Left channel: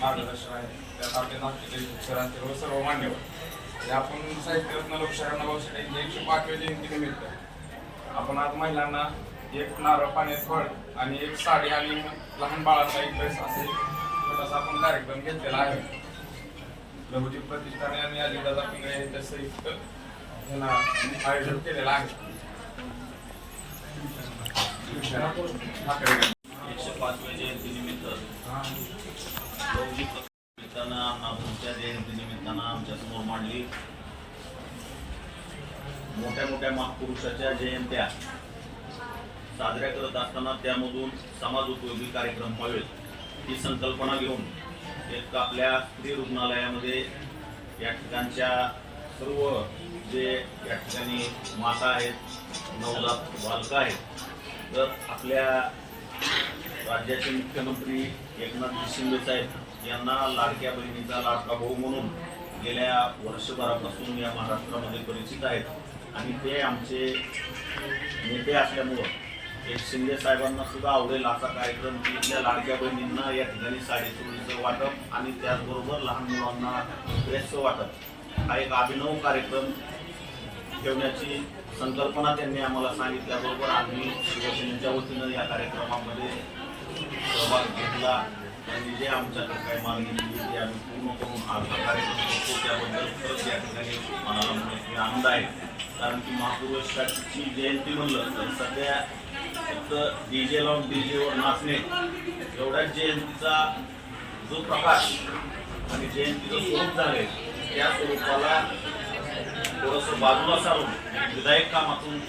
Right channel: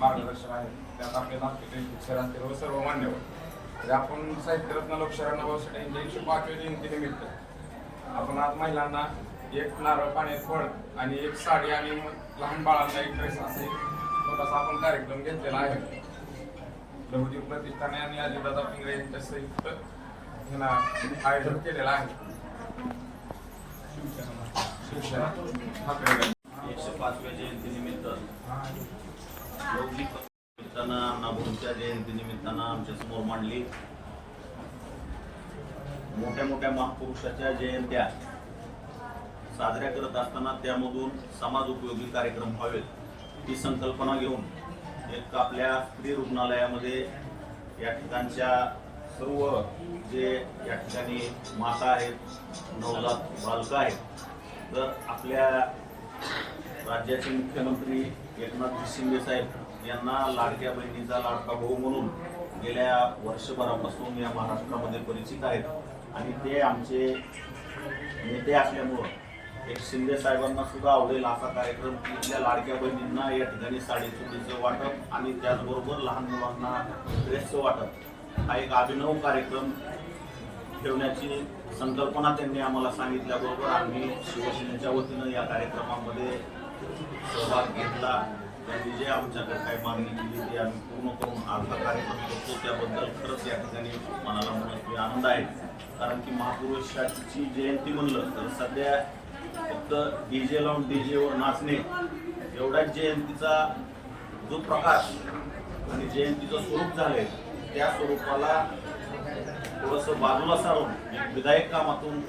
मार्गदर्शन आहे त्यात आपले सरांचे रोज सर्व मान्यवर आपण साहित्यरत्न लोकशाहीला भाऊसाठी यांची एकशे पाच वेळी जयंतीनिमित्त आपण आज महिलांना एक नारळ पाण्यात फळ आणि एक साडी आणि लहान बाळांना एक ड्रेस असे छोटासा आपण कार्यक्रम घेतलेला आहे. लघुजीत प्रतिष्ठाने आणि अजितदादा पिंगळे यांच्या संयुक्त ह्याला आयोजन केलेलं आहे. शिवसेना ठाकरे. एकशे पाचव्या जयंतीनिमित्त लौकिक निमित्तानं अण्णाभाऊंच्या जयंतीनिमित्तानं आमच्यासमोर मांडली. मोठ्या मोठ्या महापुरुषाच्या जयंत्या साजऱ्या करत असताना त्यामधून समाज उपयोगी कार्यक्रम व्हावेत ही संकल्पना घेऊन एक आपल्या स्त्री रुग्णालयामध्ये या ठिकाणच्या सर्व जे या ठिकाणी माता आहेत नवजात बालकं आहेत तर आपल्या राज्याचे मुख्यमंत्री एकनाथ शिंदे साहेब यांना लाडक्या बहिणीचा लाडका भाऊ म्हणून गेल्या वर्षभरापासून या महाराष्ट्रामध्ये परिचित आहेत. आणि ते आमचे नेते असल्यामुळं एक शिंदे साहेबांना सुद्धा आवडेल असा कार्यक्रम की इथल्या लाडक्या बहिणींना या ठिकाणी साडेचोळीचं वाटप आणि त्याचबरोबर लहान मुलांना ड्रेसचं वाटप हा एक अभिनव कार्यक्रम ठेवण्याची संकल्पना त्यांनी आम्हाला सांगितल्याबरोबर आम्ही शिवसेनेच्या वतीनं या कार्यक्रमामध्ये सहभाग घेतला. त्यांनी जे आमच्याकडे काही मागणी केली ती आम्ही पूर्ण करून आमचा कार्यक्रम करतो. त्याबद्दल खरंच या ठिकाणी मनाला मोठी आनंद आहे. कारण की महापुरुषाची जयंती म्हणलं तर सध्या फक्त डी जे लावून डी जेवर नाचणे एवढ्याच जयंतीचा जो प्रकाश आणि जयंतीचं स्वरूप झालंय त्या स्वरूपाला थोडंसं बाजूला सारून विधायक कामातून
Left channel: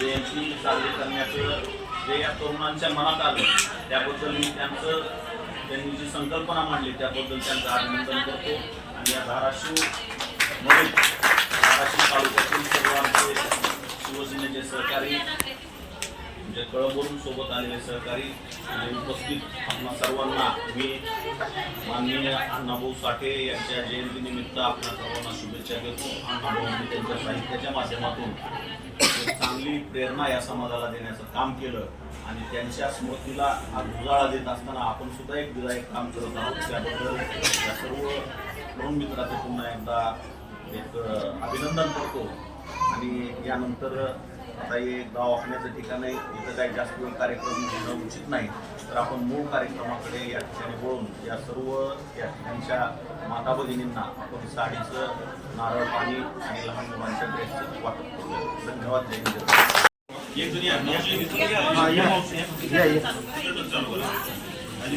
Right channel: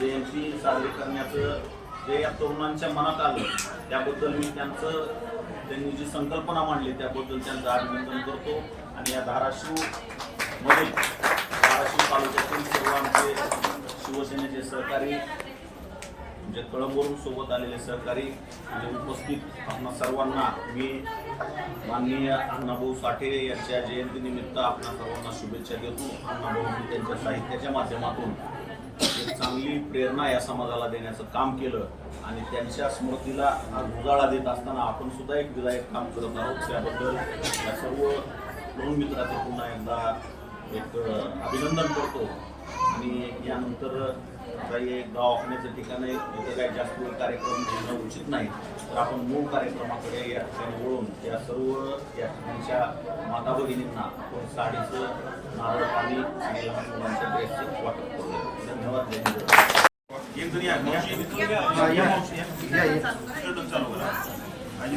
जयंती साजरी करण्याचं जे या तरुणांच्या मनात आलं त्याबद्दल मी त्यांचं त्यांनी जी संकल्पना मांडली त्याबद्दल त्यांचं अभिनंदन करतो. आणि या धाराशिवमध्ये धाराशिव तालुक्यातील सर्व आमचे शिवसेनेचे सहकारी म्हणजे कळंबवरून सोबत आलेले सहकारी आणि उपस्थित आपणा सर्वांना मी माननीय अण्णाभाऊ साठे यांच्या जयंतीनिमित्त आपणा सर्वांना शुभेच्छा देतो. अण्णाभाऊंनी त्यांच्या साहित्याच्या माध्यमातून एक चांगली प्रेरणा या समाजाला देण्याचं काम केलं आणि त्यांच्या स्मृतीला हा उजाळा देत असताना आपण सुद्धा एक विधायक काम करत आहोत. त्याबद्दल या सर्व तरुण मित्राचं पुन्हा एकदा एक अभिनंदन करतो. आणि यानंतर आता हे दवाखान्याचं ठिकाण आहे. इथं काही जास्त वेळ कार्यक्रम घेणं उचित नाही. तर आपण मूळ कार्यक्रमाकडे या ठिकाणी वळून या सर्व या ठिकाणच्या माता भगिनींना आपण साडीचं नारळ पाणी आणि लहान मुलांच्या ड्रेसचं वाटप करूया धन्यवाद. जय हिंद. एक. आणि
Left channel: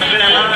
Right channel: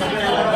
सगळ्याला